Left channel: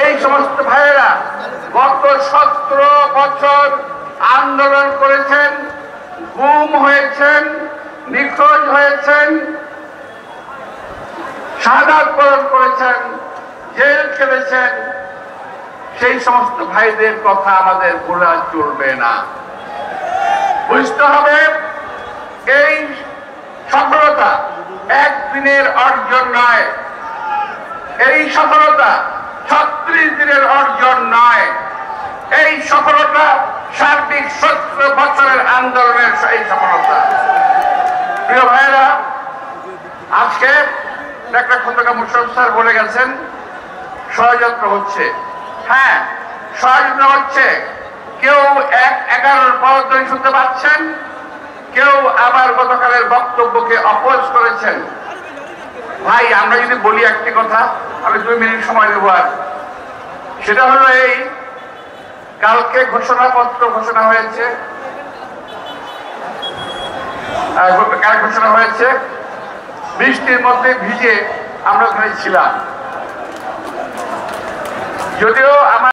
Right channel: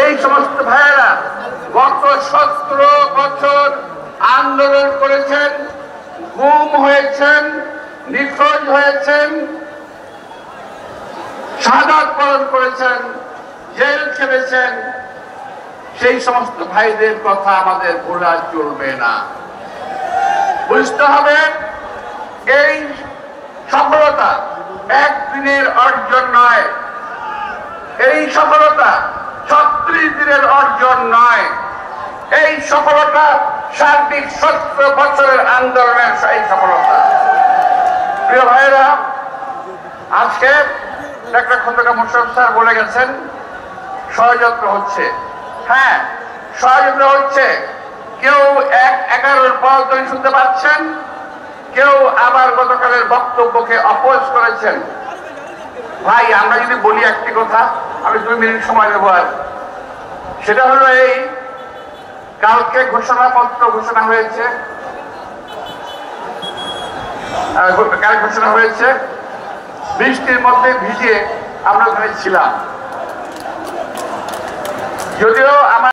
যেই সমস্ত ভাইয়েরা গত 17 বছর আন্দোলন করেছেন, গুম হয়েছেন, নিখোঁজ হয়েছেন, শাহাদাত বরণ করেছেন, জেল খেলেছেন, সেই সমস্ত ভাইদের কথা আমাদের ভোলা চলবে না। বুঝতে হবে এই সফলতা একদিনের অর্জন নয়, এই সফলতা 36 দিনের অর্জন নয়, এই সফলতা সার্বিক 17 বছরের আন্দোলনের এই সফলতা। প্রিয় ভাইয়েরা, আজকে ডাক্তার খন্দকার মোশাররফ স্যার বলে গেছেন ষড়যন্ত্র হচ্ছে। হ্যাঁ, ষড়যন্ত্র হচ্ছে। কেউ 11-র পর ধরে শুনতে পাচ্ছেন, কেউ আবার গতকালের বক্তব্যকে অপোজ করেছেন। ভাই, আমরা যদি বলি একটি কথা, আমি 2 মিনিট সময় দেবো। আর সেটা হলো এই, কালকে ঘোষণাপত্র ঘোষণা হয়েছে, বৃষ্টির মধ্যে ভিজে আমরা ওখানে ছিলাম। যদিও আমার